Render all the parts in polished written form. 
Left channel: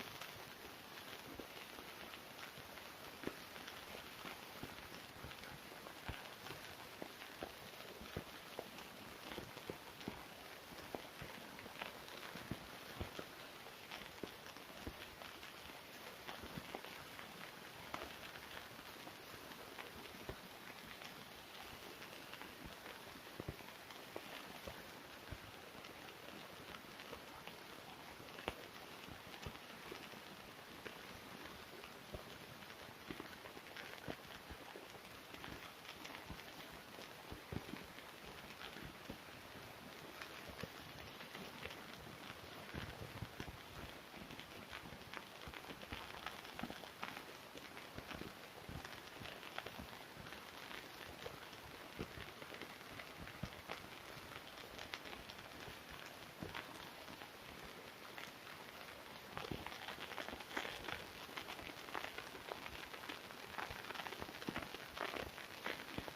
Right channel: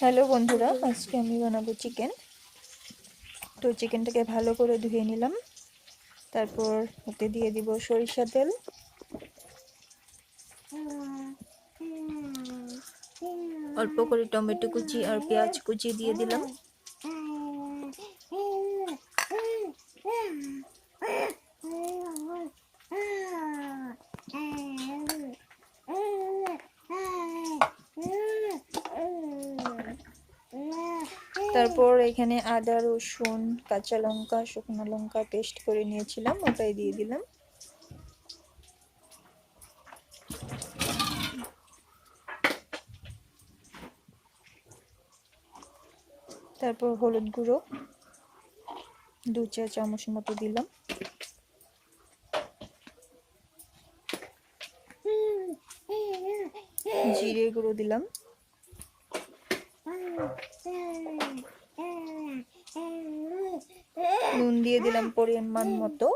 Hello বন্ধুরা, আজকে আমি বানাবো চিকেন। তো চিকেনটাকে ভালো করে ধুয়ে নিলাম। তারপর এতে দিয়ে দিব সরিষা তেল, অল্প করে টমেটো কুচি আর পেঁয়াজ কুচি দিয়ে দিলাম। তারপর এখানে আদা, রসুন, কাঁচা লঙ্কা, শুকনো লঙ্কা পেস্ট করে নিয়েছিলাম, ওটাই দিয়ে দিলাম। তারপর হলুদ গুঁড়ো 2 চা চামচ মতো দিলাম। জিরে গুঁড়ো দিলাম। নুন দিয়ে দিলাম পরিমাণ মতো।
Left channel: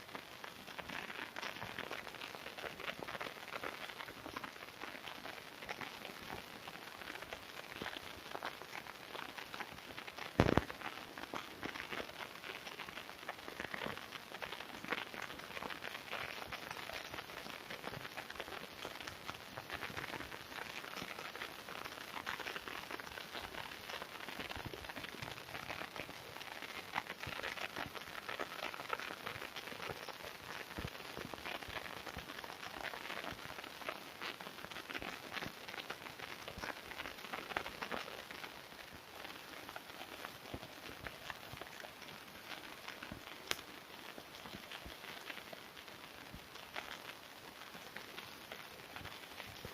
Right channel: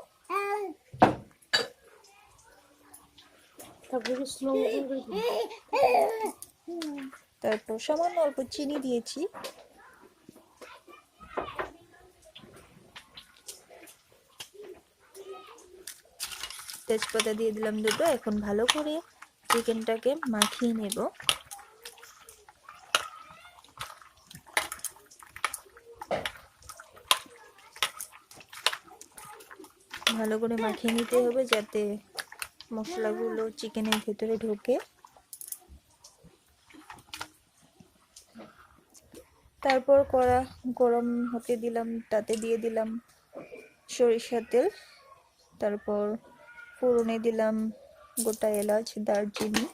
তারপর সামান্য অল্প চিনি দিয়েছি। তেজপাতা দিয়ে দিলাম 2টো। এখন ভালো করে চিকেনটাকে মাখিয়ে নেব। ভালো করে মাখিয়ে নিতে হবে যাতে মশলাগুলো চিকেনের ভিতরে ঢোকে। তারপর কড়া গরম হতে দিলাম, তাতে দিয়ে দিলাম সরিষার তেল। তারপর ফোড়নে দিলাম গোটা এলাচ, দারচিনি,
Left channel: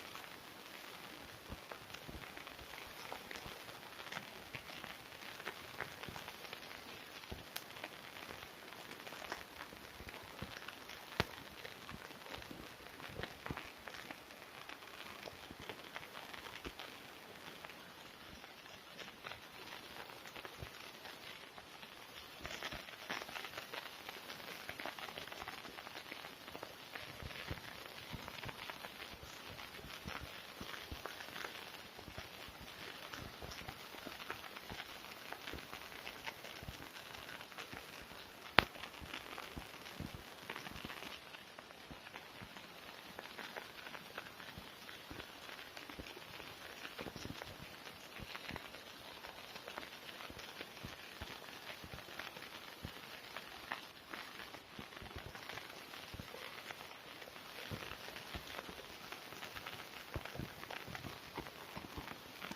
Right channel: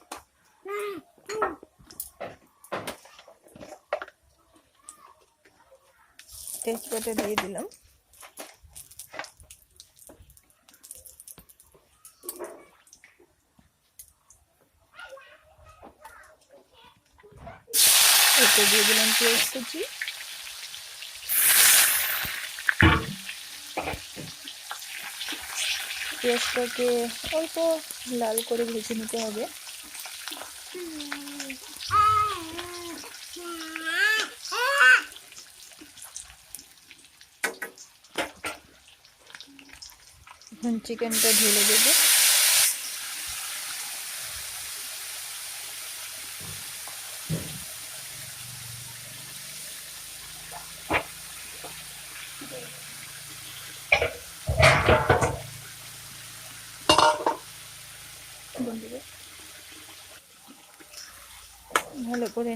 তেজপাতা দিয়ে দিলাম। এতে দিয়ে দিলাম পেঁয়াজ কুচি। পেঁয়াজটাকে অল্প লাল করে ভেজে নিতে হবে। এখন চিকেনটা ঢেলে দেবো। ভালো করে